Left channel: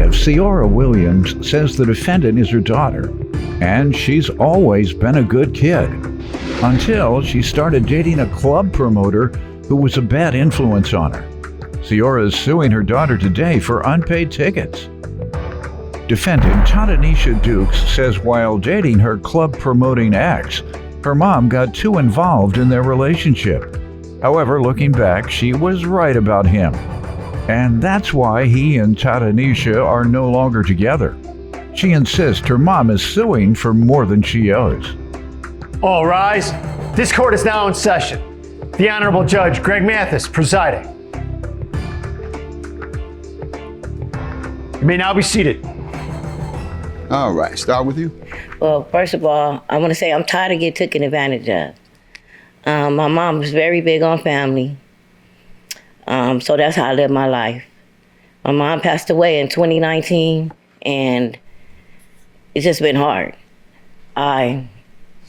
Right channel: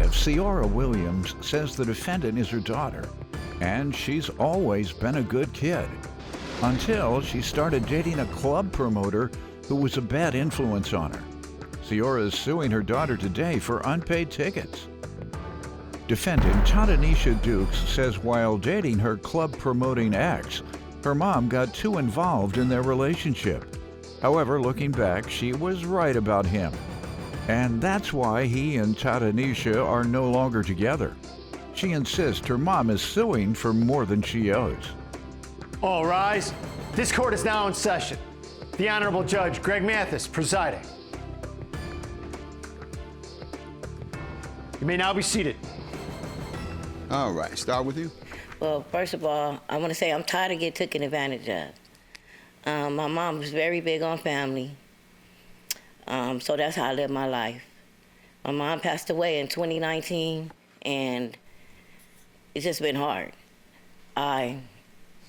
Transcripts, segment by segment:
plaintiff, Ciara Williams, says the defendant is her daughter, and she's always been a good kid. Until she started dating a club promoter who was a bad influence on her. Ciara is suing her daughter today for unpaid tickets. Defendant Tanisha Dukes says while dating her club-promoting ex, her mom got too involved in their relationship. However, looking back, she was right about him. And that's why he and Tanisha are no longer together. She insists her mom is suing for more than she owes. All rise. This court is now in session. The Honorable Judge Greg Mathis presiding. You may now be seated. All right, start with you. Well, first of all, I want to say I'm tired of getting taken advantage of. My mom was very big on family, so that's how I live my life. My mom passed away in 2019, and it's just been hard. I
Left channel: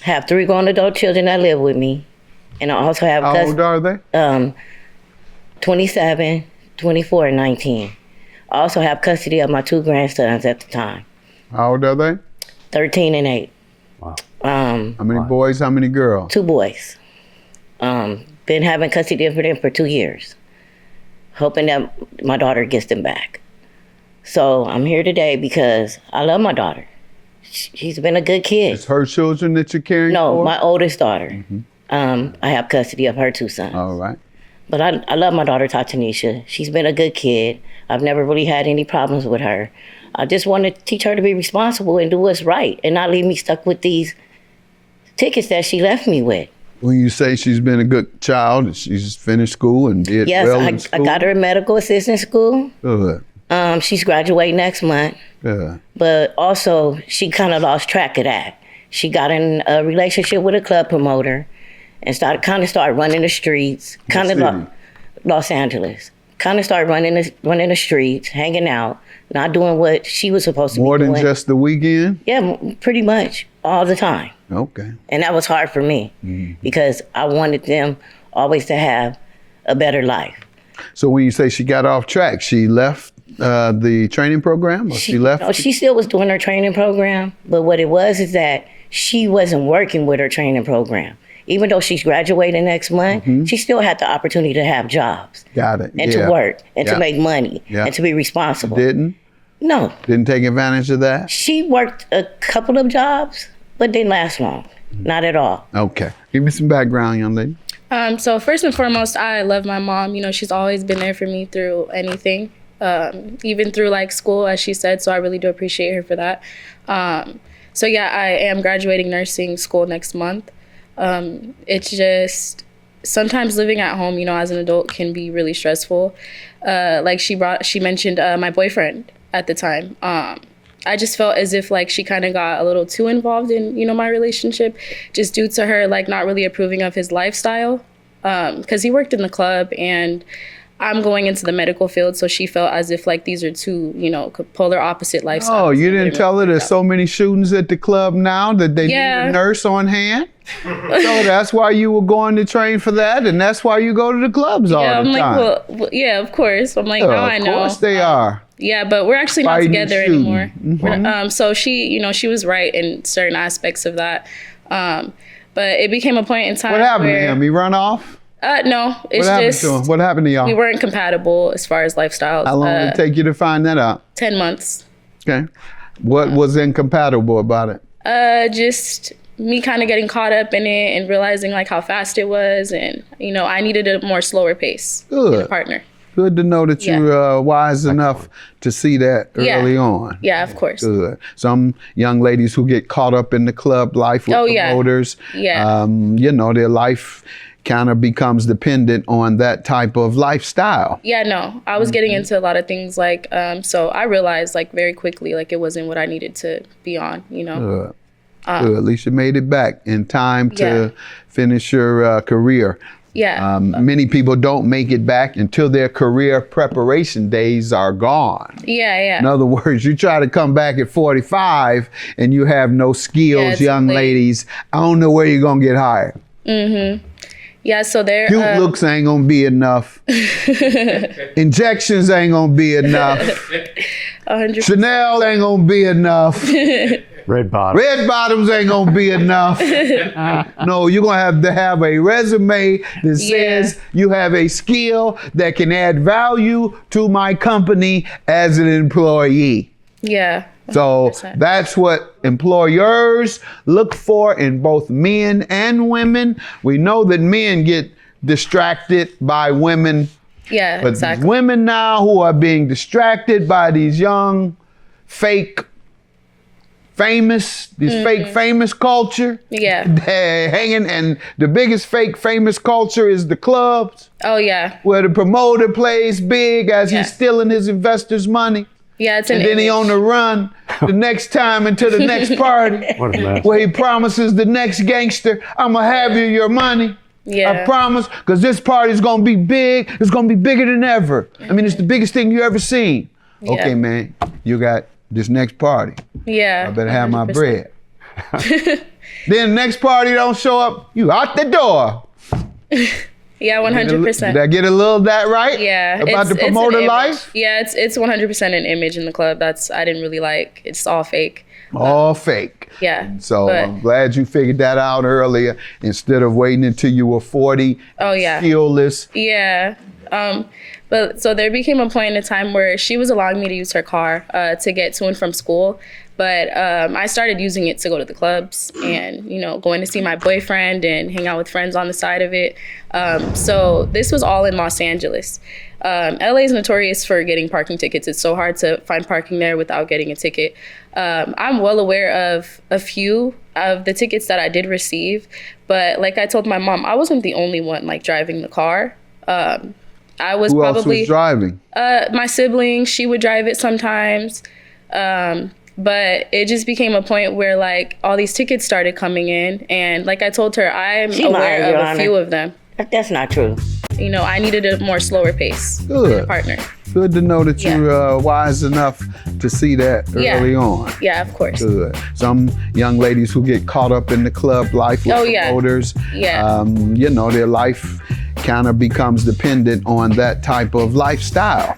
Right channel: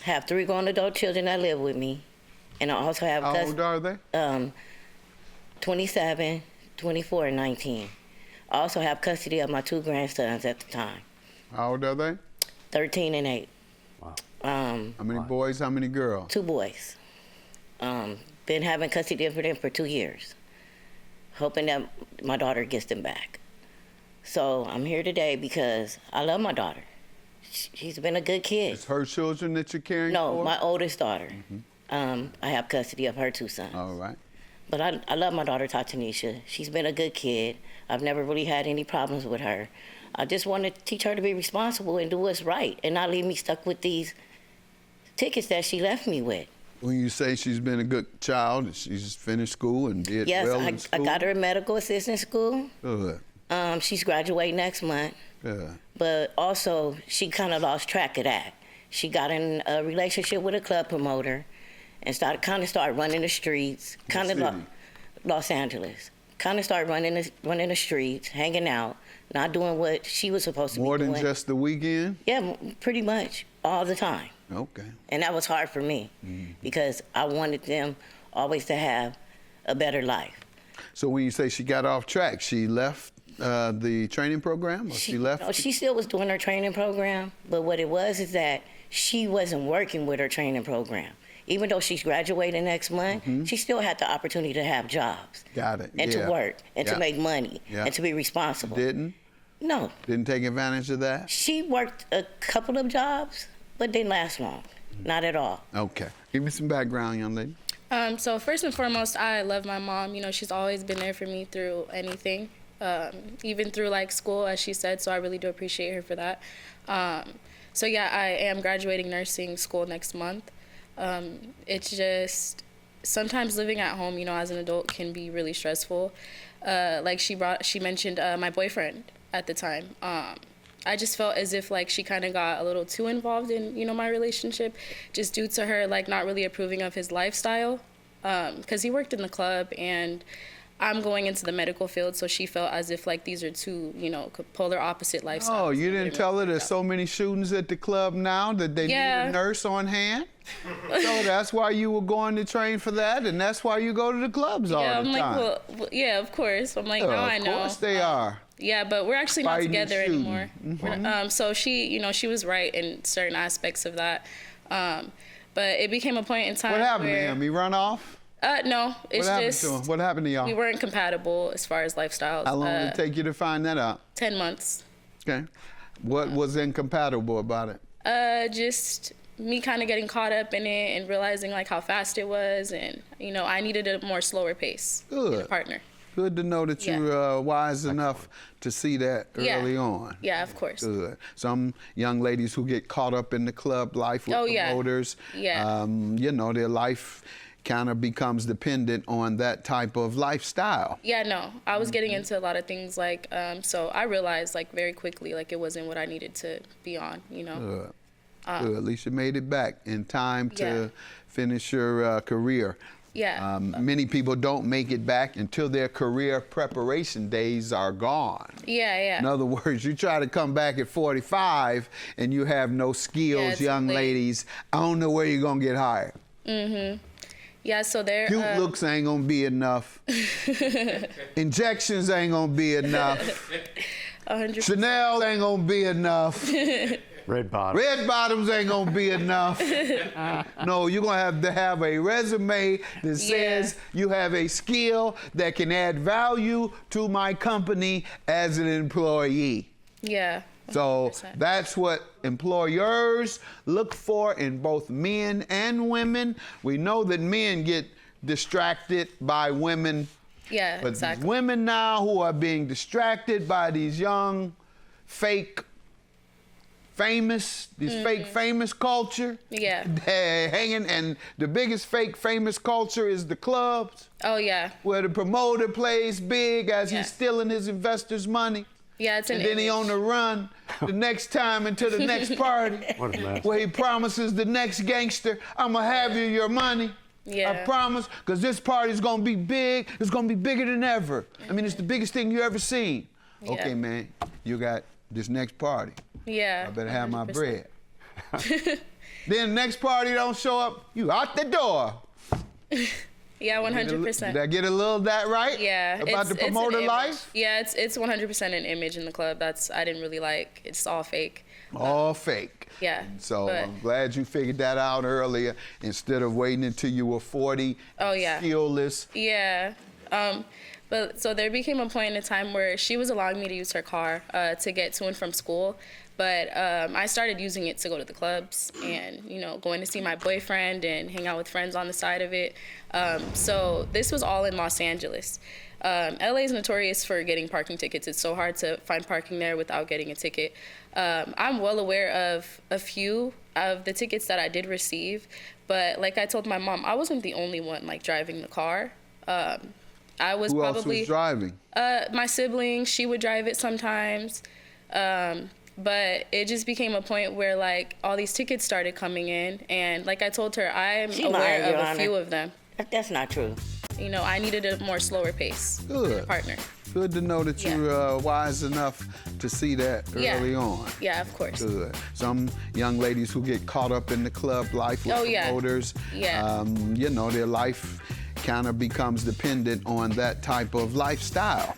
have 3 grown adult children that live with me, and I also have How old are they? 27, 24, and 19. I also have custody of my 2 grandsons at the time. How old are they? 13 and 8. Wow. How many boys, how many girls? 2 boys. Been having custody of them for 2 years, hoping that my daughter gets them back. So I'm here today because I love my daughter. She's been a good kid. It's her children that you're caring for? No, my oldest daughter. I have custody of her 2 sons. All right. But I love my daughter, Tanisha. She's been a good kid. I've never really had any problems with her. I just want to teach her to be responsible and do what's right and not leave me stuck with these tickets that she left me with. When you say she's been a good child and she's finished school and did well in school? Yes, I got her in medical assistant school. Good. She's graduating next month. Yeah. But also, she kind of lost track of that. She got in a relationship with a club promoter and started running the streets. Los Angeles. Kind of started running the streets, hanging out, not doing what she was supposed to be doing. More than just the weekend? Yeah, pretty much all the time. Okay. And that was hard for me because I wanted them always to have a better life. So when you say she got off track, she left the training program, or she left? No, she still was doing her training program, but what it was is that she wasn't working with her training program. Even though she's graduating next month, she still had the opportunity to have jobs. Got it. And to work and to make money and to be responsible. Didn't? No. Didn't take advantage of that? She worked a couple of jobs, but didn't last long. Not at all. Okay. Give me some background, young lady. So first and foremost, I love my mom. You know, she's always been there for me through anything, even through like school, as she said. So I really do appreciate her for that. So yeah, I am graduating nursing school next month. It's just sometimes living at home, you know, as an adult can be really stressful. Like she mentioned my boyfriend at the time. I just felt as if like she kind of got a little too involved in, you know, my relationship just due to her like not really approving of his lifestyle. Because he worked in the club and I'm going into the medical field, so she felt as if like these are 2, you know, polar opposite lifestyles. Oh, you didn't tell her there's so many shootings at the club now that they need a nurse on hand? So that's why you were going to train for that, and that's why you go to the clubs all the time. Like, well, yeah, of course. I'm like, now I know. Of course they are. Yeah, but we're actually not together anymore. Mm-hmm. So she, you know, she was right in certain aspects of that. But it became a point in time What happened where, to him? He run off? No, it's What happened to y'all? we weren't compatible as far as lifestyles. How long did it take you to find that out? 10 months. Okay. What was incompatible about it? Just me kind of getting caught up in it and realizing like how fast it was, and you know, I needed a more slower pace in a partner. Good to know that you were wise enough to see that early on. Yeah, of course. Good. Some young ladies who get caught up in the club life with promoters, you know, their life kind of becomes dependent on that type of lifestyle. Yeah, no, I was getting into a lot of things like, so I realized like very quickly, like it wasn't what I needed to be on, you know. Good. Good. At least you made it back in time to finish your career. Yeah. Many people don't make it back until their career preparation days are gone. Yeah. In other words, you try to come back at 45 and you have no skills, young ladies. I don't know where you're going to get hired. Yeah, so there. Cute looks ain't gonna be enough. Injections ain't gonna be enough. 100%. Chanel ain't gonna be enough. Red bottom. Red bottoms ain't gonna be enough. No, you're gonna have a resume that says you have a skill that can add value to my company as an employee. Yeah. 100%. So that's what employers look for in both men and women. We know that men get distracted by women. Yeah, but exactly. Women now who are being distracted by these young, fake, famous, fake famous culture. Yeah. Hanging, and the biggest fake famous culture is the clubs. Oh, yeah. Where the promoter plays big as he's stealing his investors' money. Yeah, it's an And then he on the run the next time into the next party. What a mess. Where he promises the next gangster, I'm gonna have you your money. Yeah. I promise, because this party's gonna be big. It's gonna be bigger than ever. I mean, it's the biggest thing you ever seen. Yeah. Okay, man, you got this next party. Yeah. I better have my 100%. bread. Then the next party don't show up, you out the door. Yeah, 100%. Did I get a little of that right? Yeah. About the promoter life? Yeah, it's 100% an image in the club. I didn't really like. It's all fake. All fake. Yeah. So I'm glad you figured that out earlier instead of waiting until you were 40. Oh, yeah. Skillless. Yeah. But so there became a point in time where she was allowing me to use her car to get to and from school. But I started using it to go to the clubs and, going to see my boyfriend and hang out with friends on the side of it. So this was all in Los Angeles. LA is notorious for getting parking tickets. It's so hard to find parking there without getting a ticket. I'm well aware of a few of the tickets that I did receive. But like I told my mom, I wasn't the only one driving the car. I was Who else was driving? My sibling, she would drive it sometimes. But it just became a point where all these tickets started coming in. And like I told her, I'm aware of a few of them. That's not true. I needed a more slower pace. Good. Partner. Good to know that you're wise enough to see that early on. Yeah, of course. Good. Some young ladies who get caught up in the club life with promoters, their life kind of becomes dependent on that type of lifestyle.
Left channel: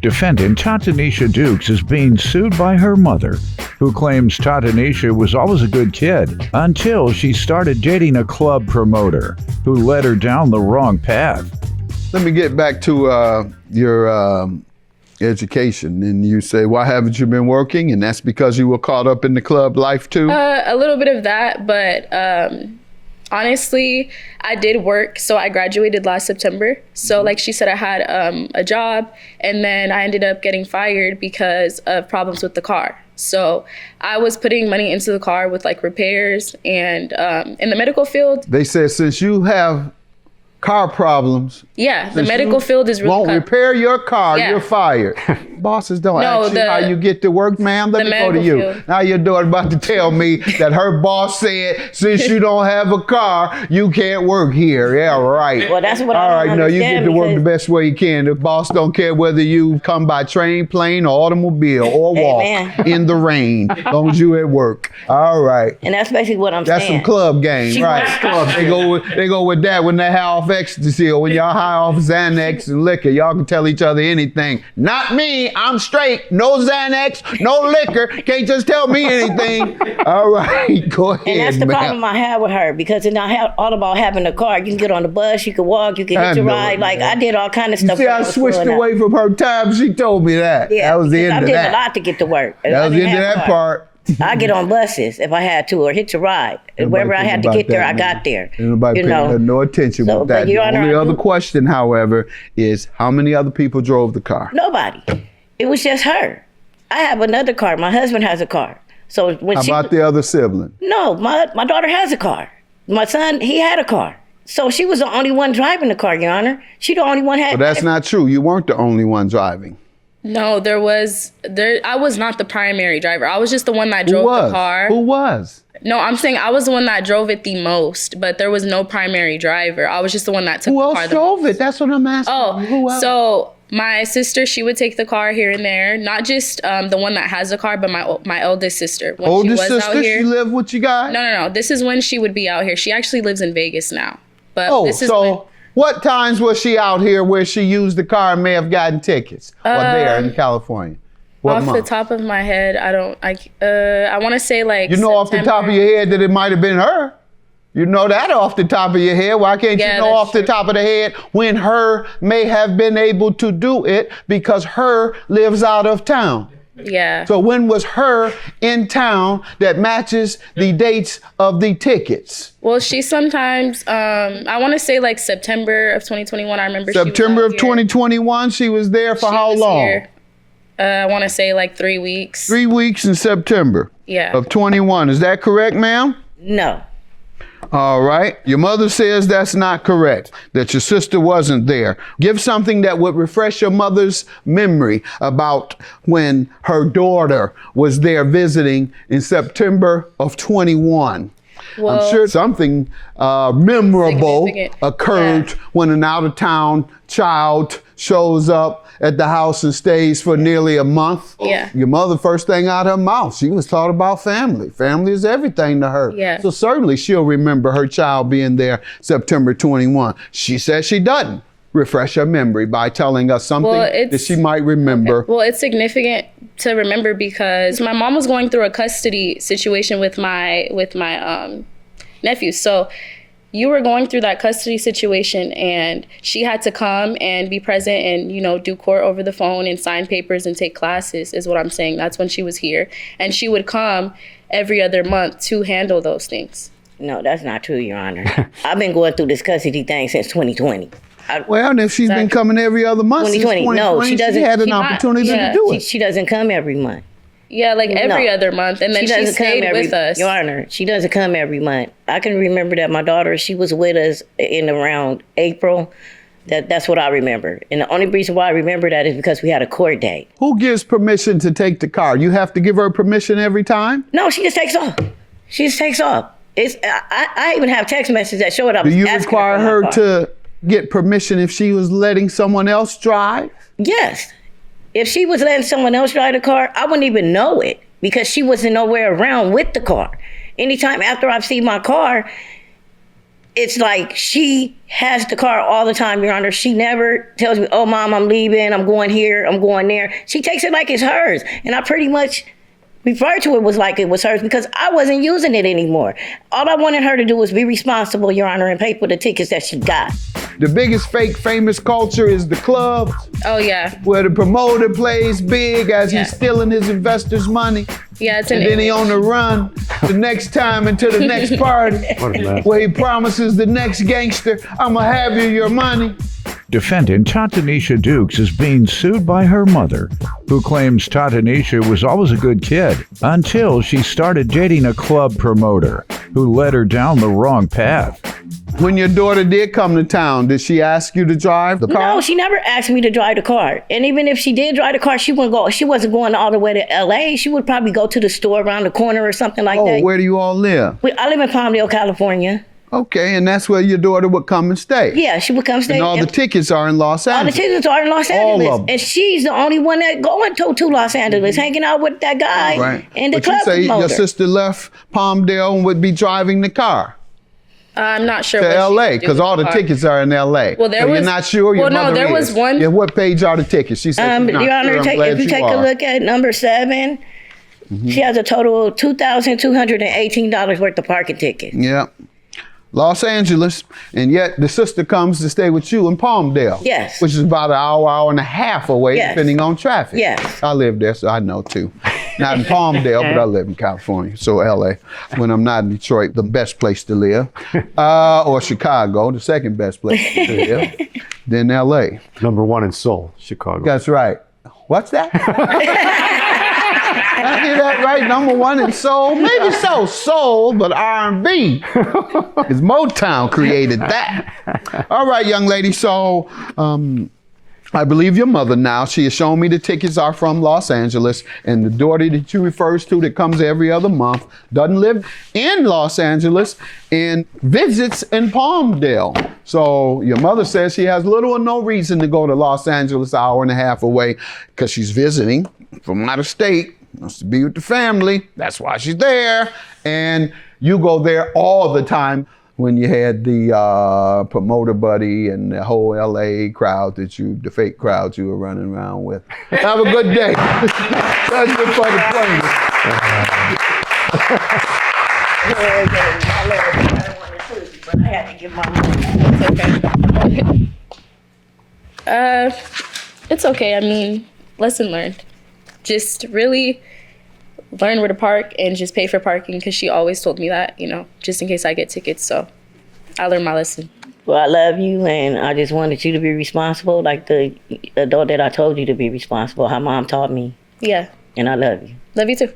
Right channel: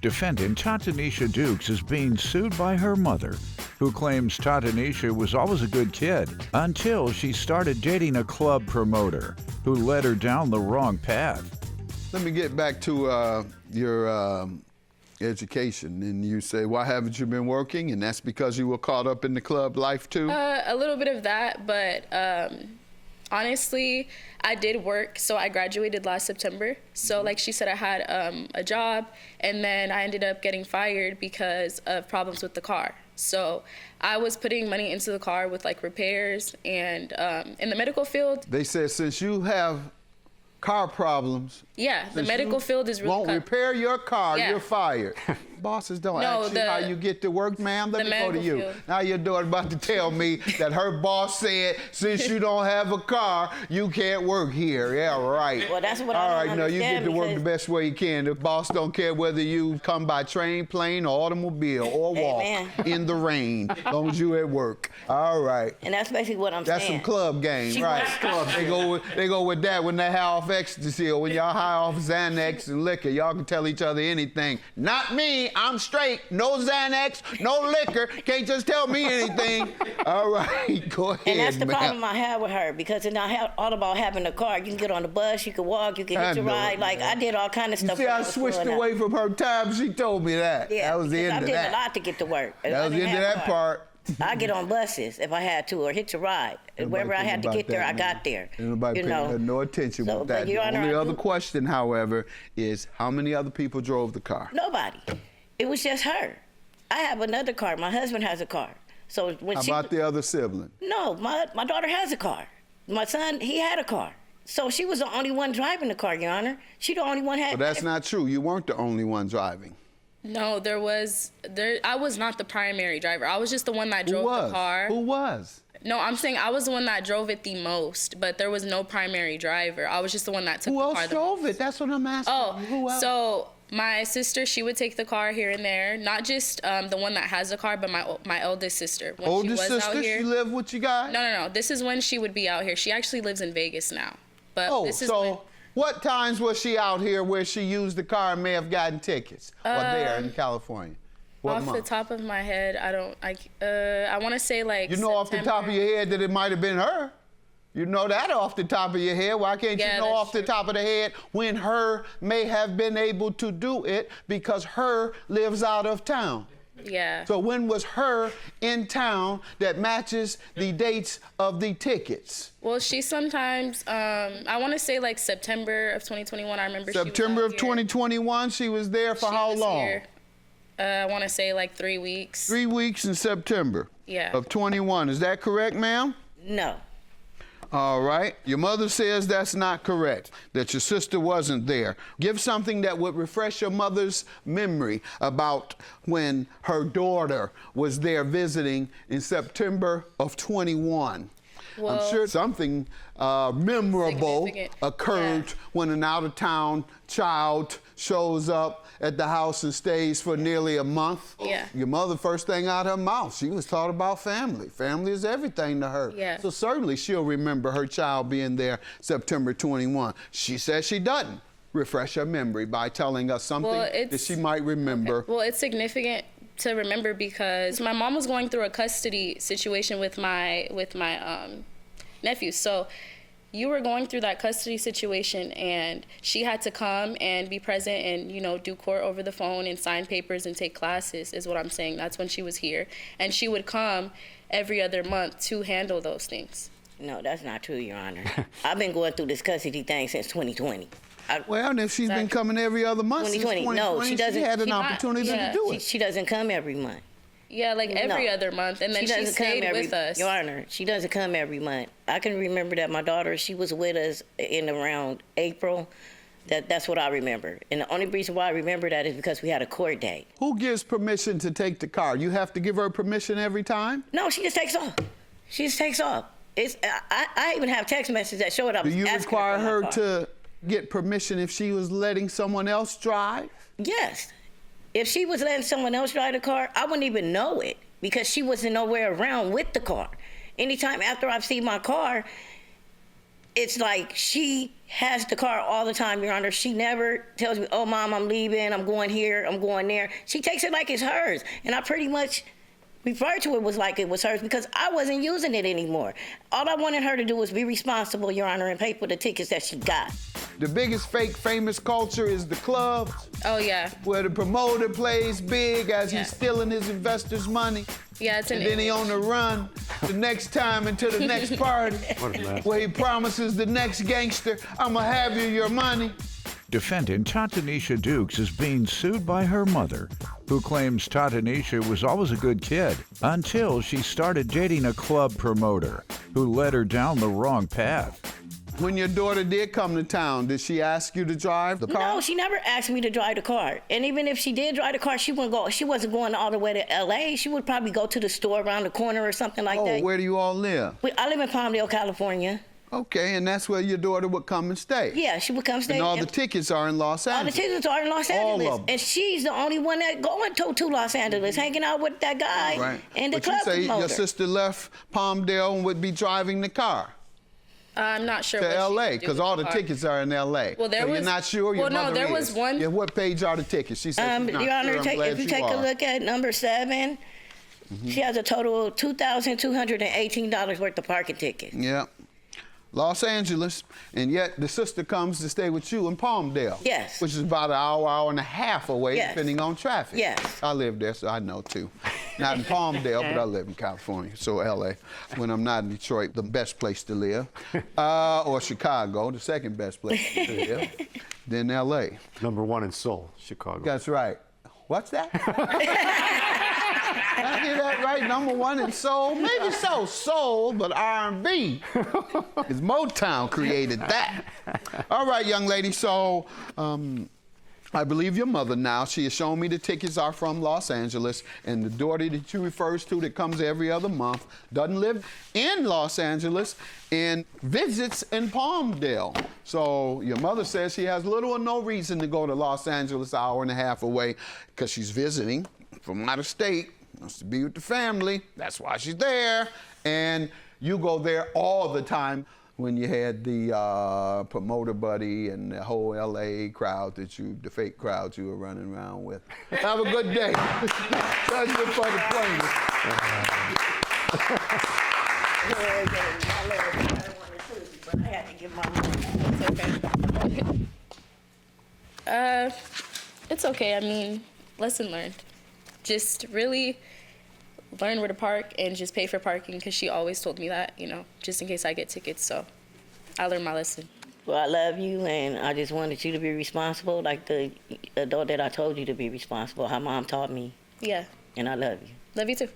Defendant Tatanisha Dukes is being sued by her mother, who claims Tatanisha was always a good kid until she started dating a club promoter who led her down the wrong path. Let me get back to your education. And you say, why haven't you been working? And that's because you were caught up in the club life too? A little bit of that, but honestly, I did work. So I graduated last September. So like she said, I had a job, and then I ended up getting fired because of problems with the car. So I was putting money into the car with repairs, and in the medical field. They said since you have car problems. Yeah, the medical field is really won't repair your car, you're fired. Bosses don't ask you how you get to work, ma'am. Let me go to you. Field. Now your daughter about to tell me that her boss said, since you don't have a car, you can't work here. Yeah, right. Well, that's what I don't understand. You get to work the best way you can. The boss don't care whether you come by train, plane, or automobile, or walk in the rain, as long as you at work. All right. And that's basically what I'm saying. That's some club game, right? They go with that when they high off ecstasy, or when y'all high off Xanax and liquor. Y'all can tell each other anything. Not me. I'm straight. No Xanax, no liquor. Can't just tell me anything. All right, go ahead. And that's the problem I have with her, because it's not all about having a car. You can get on the bus, you can walk, you can hitch a ride. I did all kind of stuff. You see, I switched away from her time. She told me that. Yeah, that was the end of that. I did a lot to get to work. That was the end of that part. I get on buses if I had to, or hitch a ride. Wherever I had to get there, I got there. Nobody paid no attention with that. The only other question, however, is how many other people drove the car? Nobody. It was just her. I have another car. My husband has a car. So when how about the other sibling? No, my daughter has a car. My son, he had a car. So she was the only one driving the car, Your Honor. She the only one had. But that's not true. You weren't the only one driving. No, I was not the primary driver. I was just the one that drove the car. Who was? No, I'm saying I was the one that drove it the most, but there was no primary driver. I was just the one that took the car. Who else drove it? That's what I'm asking. Oh, who else? So my sister, she would take the car here and there. Not just the one that has the car, but my eldest sister. When Oldest she was sister? Out here, she lived with you guys? No. This is when she would be out here. She actually lives in Vegas now. But this is what times was she out here where she used the car and may have gotten tickets? Or there in California? Off month? the top of my head, I want to say like You know off the top of your head that it might have been her. You know that off the top of your head. Why can't Yeah, you know that's off the true. top of the head when her may have been able to do it because her lives out of town? Yeah. So when was her in town that matches the dates of the tickets? Well, she sometimes, I want to say like September of 2021. I remember September of she was out here. 2021, she was there for She how was long? here, I want to say like 3 weeks. 3 weeks in September Yeah. of 21. Is that correct, ma'am? No. All right. Your mother says that's not correct, that your sister wasn't there. Give something that would refresh your mother's memory about when her daughter was there visiting in September of 21. I'm Well, sure something memorable Significant. occurred Yeah. when an out-of-town child shows up at the house and stays for nearly a month. Yeah. Your mother, first thing out her mouth, she was taught about family. Family is everything to her. Yeah. So certainly she'll remember her child being there September 21. She says she doesn't. Refresh her memory by telling us something Well, that it's- she might remember. Well, it's significant to remember because my mom was going through a custody situation with my nephew. So you were going through that custody situation and she had to come and be present and, do court over the phone and sign papers and take classes is what I'm saying. That's when she was here. And she would come every other month to handle those things. No, that's not true, Your Honor. I've been going through this custody thing since 2020. Well, and if she's been coming every other month since 2020. No, she doesn't. she had an She not. opportunity Yeah. to do She, it. she doesn't come every month. Yeah, like every No. other month. And then she stayed with us. Your Honor, she doesn't come every month. I can remember that my daughter, she was with us in around April. That's what I remember. And the only reason why I remember that is because we had a court date. Who gives permission to take the car? You have to give her permission every time? No, she just takes off. She just takes off. I even have text messages that show it. I Do was you asking require for my her car. to get permission if she was letting someone else drive? Yes. If she was letting someone else drive the car, I wouldn't even know it because she wasn't nowhere around with the car. Anytime after I've seen my car, it's like she has the car all the time, Your Honor. She never tells me, oh, Mom, I'm leaving. I'm going here. I'm going there. She takes it like it's hers. And I pretty much refer to it was like it was hers because I wasn't using it anymore. All I wanted her to do was be responsible, Your Honor, and pay for the tickets that she got. The biggest fake famous culture is the club, Oh, yeah. where the promoter plays big as Yeah. he's stealing his investors' money. Yeah, it's And then he an on the run the next time into the next party where he promises the next gangster, I'ma have you your money. Defendant Tatanisha Dukes is being sued by her mother, who claims Tatanisha was always a good kid until she started dating a club promoter who led her down the wrong path. When your daughter did come to town, did she ask you to drive the car? No, she never asked me to drive the car. And even if she did drive the car, she wasn't going all the way to LA. She would probably go to the store around the corner or something like Oh, that. where do you all live? I live in Palmdale, California. Okay, and that's where your daughter would come and stay. Yeah, she would come stay. And all the tickets are in Los all the Angeles. tickets are in Los All Angeles. of them. And she's the only one that going to Los Angeles, hanging out with that guy Right. and the But you club say your promoter. sister left Palmdale and would be driving the car I'm not sure to what she LA would do because with all the car. tickets are in LA. Well, there so was- you're not sure your well, no, mother there is. was one- Yeah, what page are the tickets? She said she's not Your Honor, sure. I'm glad if you you take are. a look at number 7, she has a total of $2,218 worth of parking tickets. Yeah. Los Angeles, and yet the sister comes to stay with you in Palmdale. Yes. Which is about an hour and a half away, Yes. depending on traffic. Yes. I live there, so I know too. Not in Palmdale, but I live in California, so LA. When I'm not in Detroit, the best place to live. Or Chicago, the second best place to live. Then LA. Number 1 in Seoul, Chicago. That's right. What's that? I hear that right. Number 1 in soul. Maybe so, soul, but R&B. Because Motown created that. All right, young lady. So, I believe your mother now. She has shown me the tickets are from Los Angeles, and the daughter that you refers to that comes every other month doesn't live in Los Angeles and visits in Palmdale. So your mother says she has little or no reason to go to Los Angeles, an hour and a half away, because she's visiting from out of state, wants to be with the family. That's why she's there. And you go there all the time. when you had the promoter buddy and the whole LA crowd the fake crowd you were running around with. Have a good day. That's it for the plaintiff. I had to give my money. It's okay. It's okay. I mean, lesson learned. Just really learn where to park and just pay for parking, because she always told me that, just in case I get tickets. So I learned my lesson. Well, I love you, and I just wanted you to be responsible, like the adult that I told you to be responsible, how mom taught me. Yeah. And I love you. Love you too.